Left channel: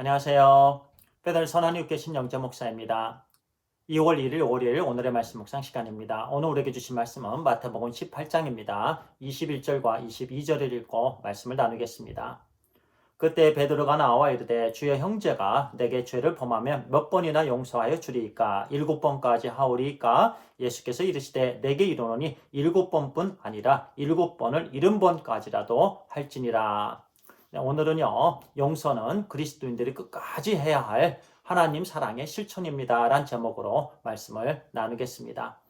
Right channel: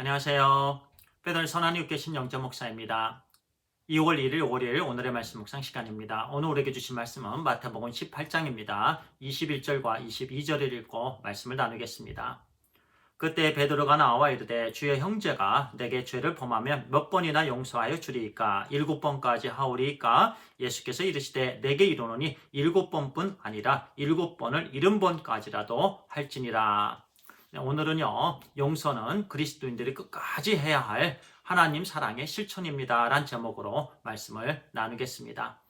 안녕하세요. 베들 선한 교신 영재 목사입니다. 2월 1일 월요일 오늘의 말씀 묵상 시간입니다. 오늘 우리에게 주신 말씀은 마태복음 18장입니다. 21절과 22절을 읽고 말씀을 나누겠습니다. 그때 베드로가 나와 이르되 주여 형제가 내게 죄를 범하면 몇 번이나 용서하여 주리이까 7번까지 하오리이까 예수께서 이르시되 내게 이르노니 7번뿐 아니라 7번을 70번까지라도 할지니라. 네, 오늘은요, 용서는 그리스도인들이 끝까지 해야 할 하나님 사랑의 실천입니다. 란 제목으로 말씀을 나누겠습니다.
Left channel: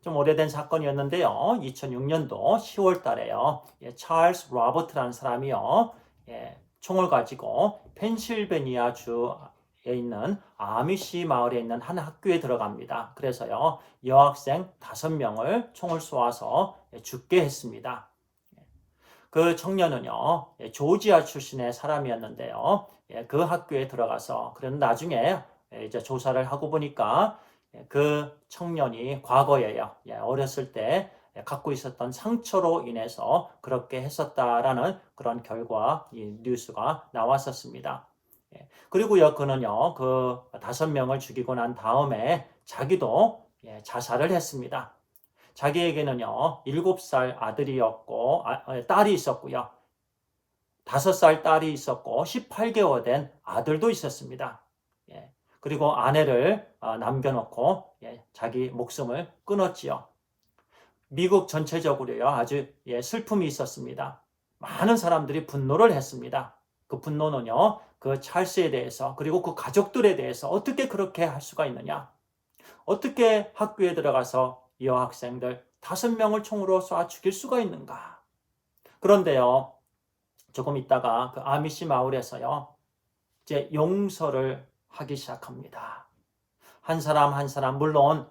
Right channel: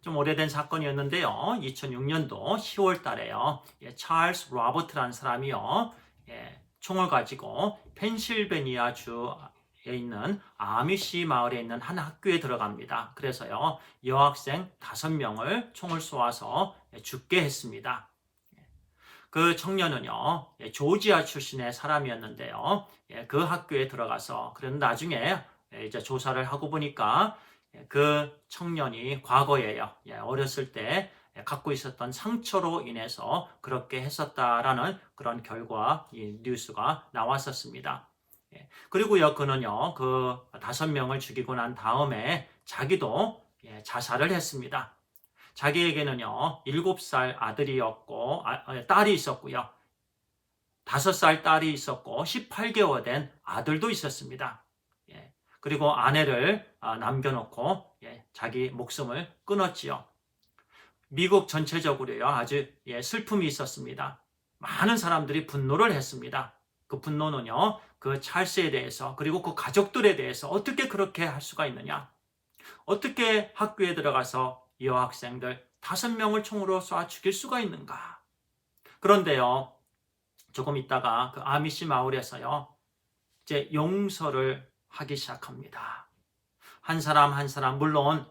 좀 오래된 사건이었는데요. 2006년도 10월 달에요. 찰스 로버트라는 사람이요. 총을 가지고 펜실베니아 주에 있는 아미시 마을에 있는 한 학교에 들어갑니다. 그래서요. 여학생 5명을 총을 쏘아서 죽게 했습니다. 그 청년은요, 조지아 출신의 사람이었는데요. 그 학교에 들어가서, 그런 나중에 이제 조사를 하고 보니까 그 청년이 과거에요, 어렸을 때 갖고 있었던 상처로 인해서 그렇게 했었다라는 그런 결과, 이 뉴스가 나왔었습니다. 그리고요, 그는요, 그 5명을 죽이고 난 다음에 자기도 자살을 했습니다. 자기에게는요, 7살 아들이었고, 딸이 있었고요. 5살 딸이 있었고, 18개월 된 아들도 있었습니다. 그리고 아내를 남겨놓고, 자기 목숨을 끊었지요. 미국 전체적으로요, 아주 슬픔이 있었습니다. 많은 사람들이 분노를 했습니다. 그 분노는요, 그 찰스에 대해서, 그리고 그 가족들에 대해서 어떻게 그렇게 할 수가 있느냐? 어떻게 학교에 들어가서 이 여학생들 5명을 총으로 쏴 죽일 수가 있는가? 그런데요, 조금 있다가 그 아미시 마을에서요, 이제 용서를 하기 시작합니다. 한 사람 한 사람, 물론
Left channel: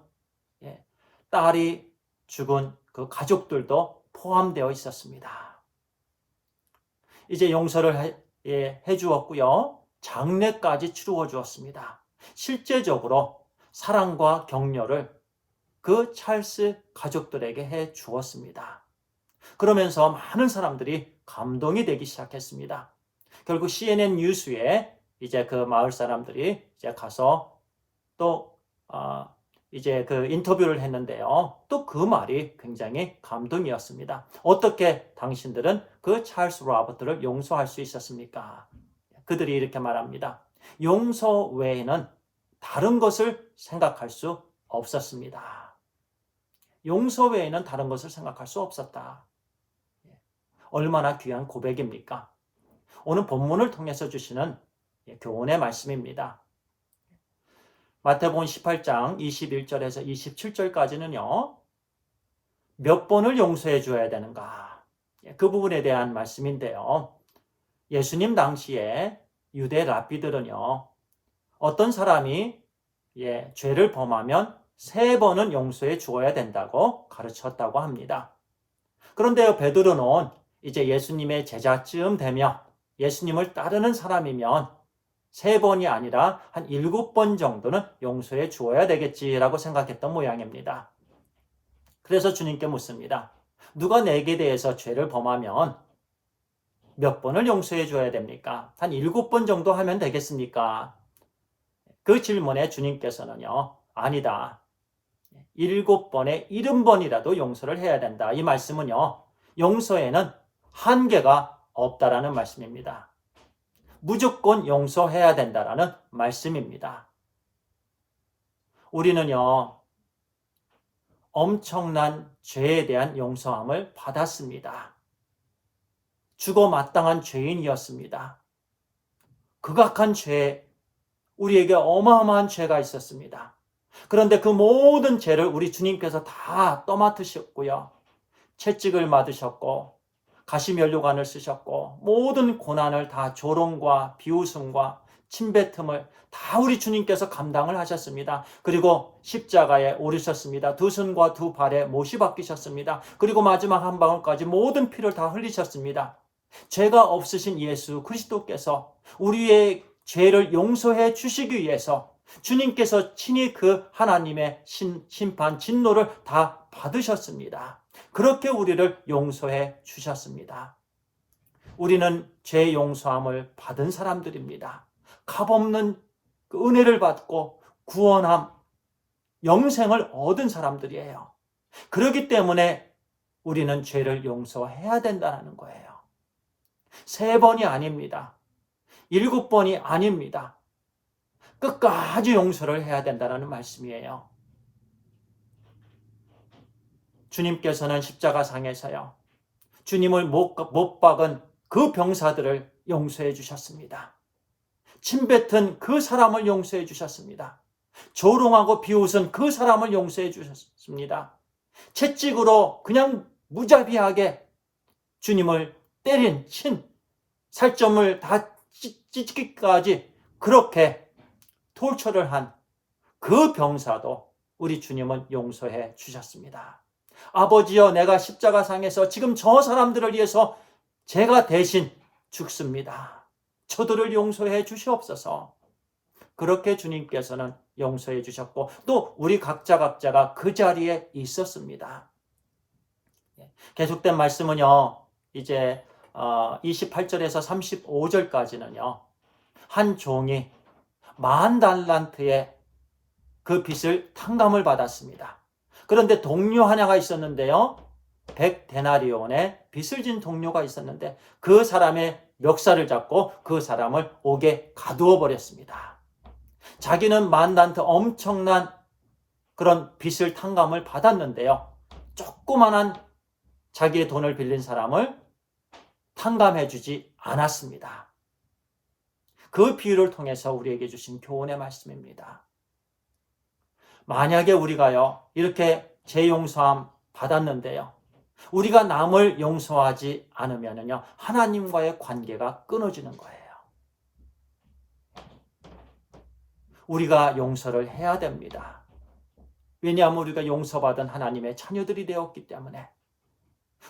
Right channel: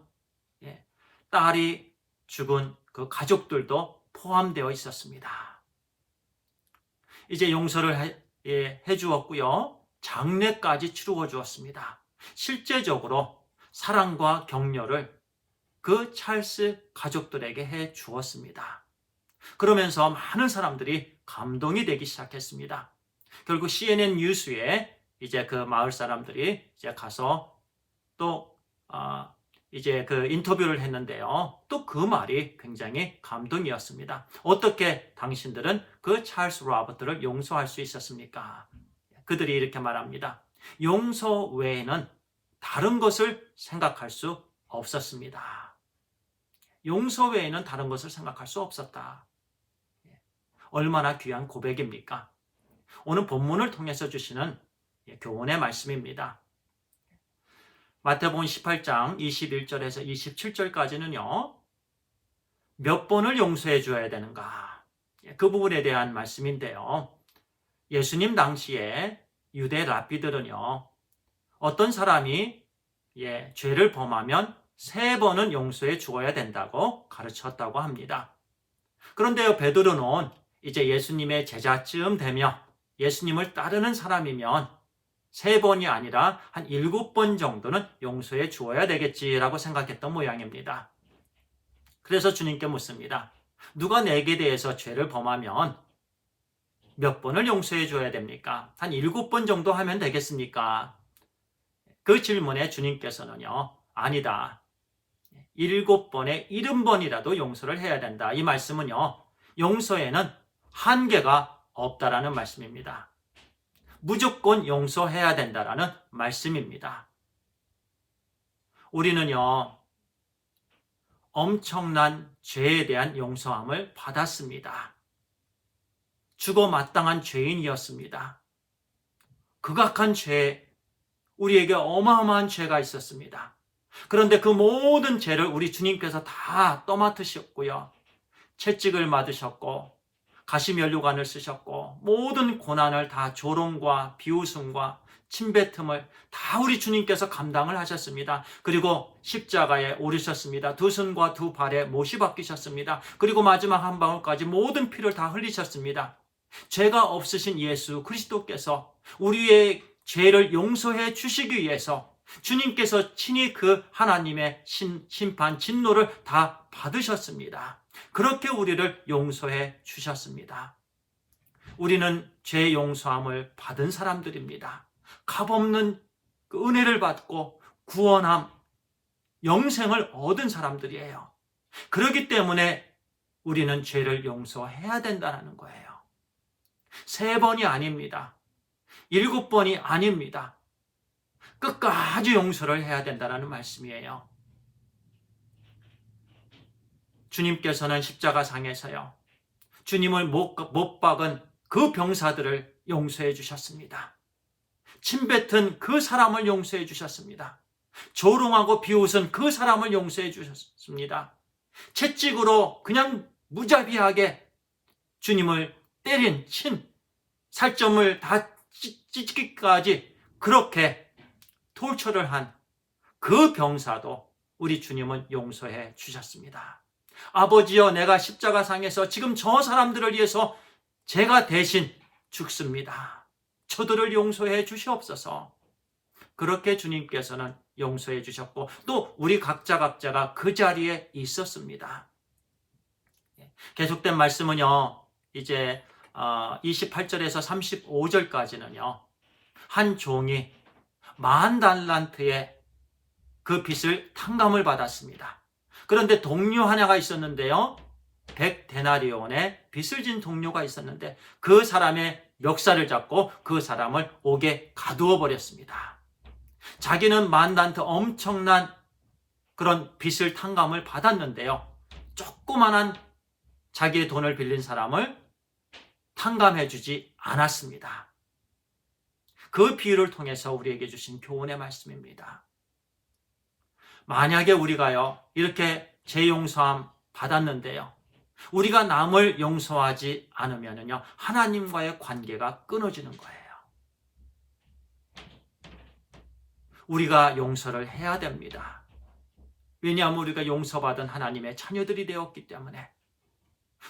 딸이 죽은 그 가족들도 포함되어 있었습니다. 이제 용서를 해 주었고요. 장례까지 치루어 주었습니다. 실제적으로 사랑과 격려를 그 찰스 가족들에게 해 주었습니다. 그러면서 많은 사람들이 감동이 되기 시작했습니다. 결국 CNN 뉴스에 이제 그 마을 사람들이 이제 가서 또 이제 그 인터뷰를 했는데요. 또 그 말이 굉장히 감동이었습니다. 어떻게 당신들은 그 찰스 로버트를 용서할 수 있었습니까? 그들이 이렇게 말합니다. 용서 외에는 다른 것을 생각할 수 없었습니다. 용서 외에는 다른 것을 생각할 수 없었다. 얼마나 귀한 고백입니까? 오늘 본문을 통해서 주시는 교훈의 말씀입니다. 마태복음 18장 21절에서 27절까지는요. 몇 번을 용서해 줘야 되는가? 그 부분에 대한 말씀인데요. 예수님 당시에 유대 랍비들은요. 어떤 사람이 죄를 범하면 3번은 용서해 주어야 된다고 가르쳤다고 합니다. 그런데 베드로는 이제 예수님의 제자쯤 되며 예수님을 따르는 사람이면 3번이 아니라 한 7번 정도는 용서해 주어야 되겠지라고 생각했던 모양입니다. 그래서 주님께 묻습니다. 누가 내게 대해서 죄를 범하면 몇 번을 용서해 줘야 됩니까? 한 7번 정도 하면 되겠습니까? 그 질문에 주님께서는요. 아니다. 7번에 70번이라도 용서를 해야 된다. 이 말씀은요. 용서에는 한계가 없다라는 말씀입니다. 무조건 용서해야 된다라는 말씀입니다. 우리는요. 엄청난 죄에 대한 용서함을 받았습니다. 죽어 마땅한 죄인이었습니다. 극악한 죄, 우리에게 어마어마한 죄가 있었습니다. 그런데 그 모든 죄를 우리 주님께서 다 떠맡으셨고요. 채찍을 맞으셨고 가시면류관을 쓰셨고 모든 고난을 다 조롱과 비웃음과 침뱉음을 다 우리 주님께서 감당을 하셨습니다. 그리고 십자가에 오르셨습니다. 2손과 2발에 못이 박히셨습니다. 그리고 마지막 한 방울까지 모든 피를 다 흘리셨습니다. 죄가 없으신 예수 그리스도께서 우리의 죄를 용서해 주시기 위해서 주님께서 친히 그 하나님의 심판, 진노를 다 받으셨습니다. 그렇게 우리를 용서해 주셨습니다. 우리는 죄 용서함을 받은 사람들입니다. 값없는 그 은혜를 받고 구원함, 영생을 얻은 사람들이에요. 그렇기 때문에 우리는 죄를 용서해야 된다는 거예요. 3번이 아닙니다. 7번이 아닙니다. 끝까지 용서를 해야 된다는 말씀이에요. 주님께서는 십자가상에서요, 주님을 못 박은 그 병사들을 용서해 주셨습니다. 침뱉은 그 사람을 용서해 주셨습니다. 조롱하고 비웃은 그 사람을 용서해 주셨습니다. 채찍으로 그냥 무자비하게 주님을 때린, 친, 살점을 다 찢기까지 그렇게 톨처를 한 그 병사도 우리 주님은 용서해 주셨습니다. 아버지여, 내가 십자가상에서 지금 저 사람들을 위해서 제가 대신 죽습니다. 저들을 용서해 주시옵소서. 그렇게 주님께서는 용서해 주셨고, 또 우리 각자가 그 자리에 있었습니다. 계속된 말씀은요, 이제 28절에서 35절까지는요, 한 종이 10,000달란트의 그 빚을 탕감을 받았습니다. 그런데 동료 하나가 있었는데요, 100데나리온의 빚을 진 동료가 있었는데 그 사람의 멱살을 잡고 그 사람을 옥에 가두어 버렸습니다. 자기는 10,000달란트 엄청난 그런 빚을 탕감을 받았는데요, 조그만한 자기의 돈을 빌린 사람을 탕감해 주지 않았습니다. 그 비유를 통해서 우리에게 주신 교훈의 말씀입니다. 만약에 우리가요, 이렇게 재용서함 받았는데요, 우리가 남을 용서하지 않으면요, 하나님과의 관계가 끊어지는 거예요. 우리가 용서를 해야 됩니다. 왜냐하면 우리가 용서받은 하나님의 자녀들이 되었기 때문에,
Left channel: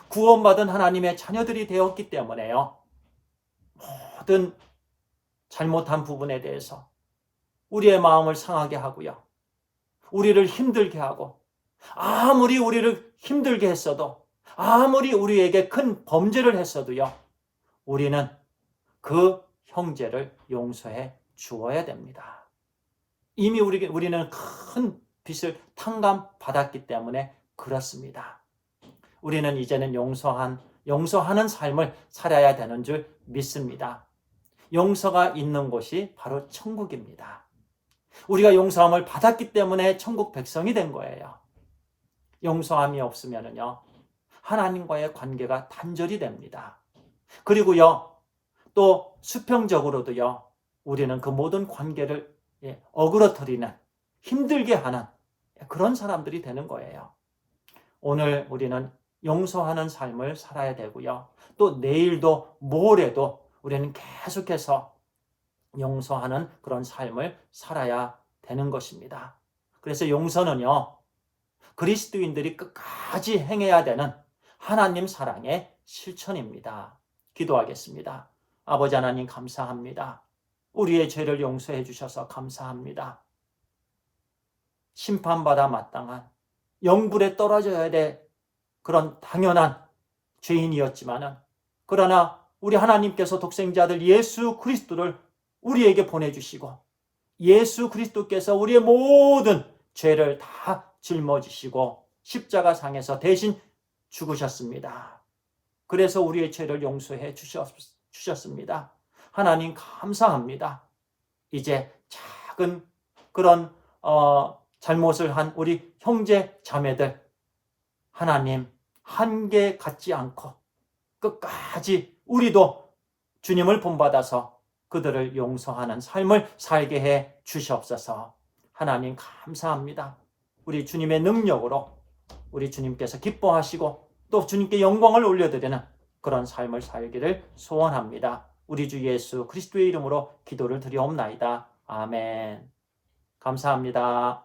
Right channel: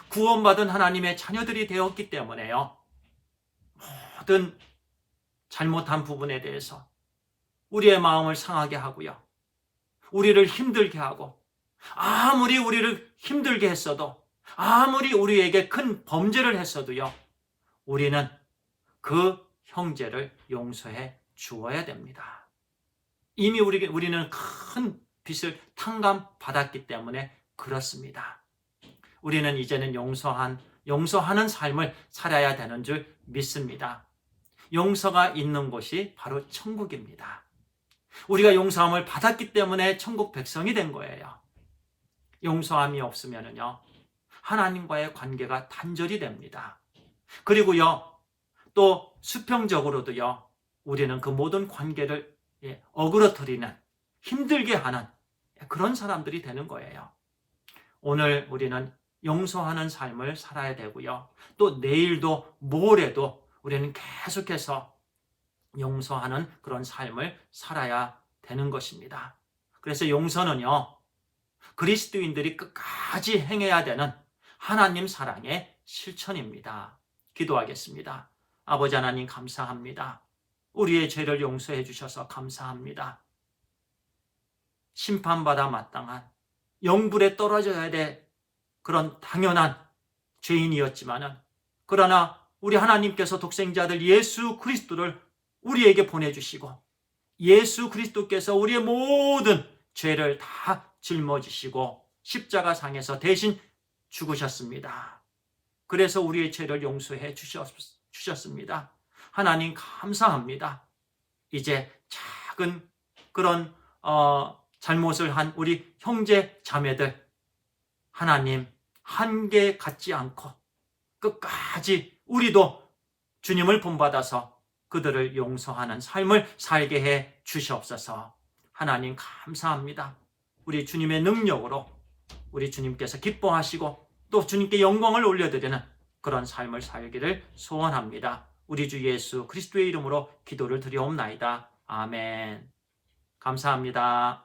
구원받은 하나님의 자녀들이 되었기 때문에요, 모든 잘못한 부분에 대해서 우리의 마음을 상하게 하고요, 우리를 힘들게 하고, 아무리 우리를 힘들게 했어도, 아무리 우리에게 큰 범죄를 했어도요, 우리는 그 형제를 용서해 주어야 됩니다. 이미 우리는 큰 빚을 탕감받았기 때문에 그렇습니다. 우리는 이제는 용서하는 삶을 살아야 되는 줄 믿습니다. 용서가 있는 곳이 바로 천국입니다. 우리가 용서함을 받았기 때문에 천국 백성이 된 거예요. 용서함이 없으면요, 하나님과의 관계가 단절이 됩니다. 그리고요, 또 수평적으로도요, 우리는 그 모든 관계를 어그러뜨리는, 힘들게 하는 그런 사람들이 되는 거예요. 오늘 우리는 용서하는 삶을 살아야 되고요, 또 내일도 모레도 우리는 계속해서 용서하는 그런 삶을 살아야 되는 것입니다. 그래서 용서는요, 그리스도인들이 끝까지 행해야 되는 하나님 사랑의 실천입니다. 기도하겠습니다. 아버지 하나님, 감사합니다. 우리의 죄를 용서해 주셔서 감사합니다. 심판받아 마땅한, 영불에 떨어져야 될 그런 당연한 죄인이었지만은, 그러나 우리 하나님께서 독생자들 예수 그리스도를 우리에게 보내주시고, 예수 그리스도께서 우리의 모든 죄를 다 짊어지시고 십자가상에서 대신 죽으셨습니다. 그래서 우리의 죄를 용서해 주셨습니다. 하나님, 감사합니다. 이제 작은 그런 잘못을 한 우리 형제 자매들, 하나님, 한계 갖지 않고 끝까지 우리도 주님을 본받아서 그들을 용서하는 삶을 살게 해 주시옵소서. 하나님, 감사합니다. 우리 주님의 능력으로 우리 주님께서 기뻐하시고 또 주님께 영광을 올려드리는 그런 삶을 살기를 소원합니다. 우리 주 예수 그리스도의 이름으로 기도를 드리옵나이다. 아멘. 감사합니다.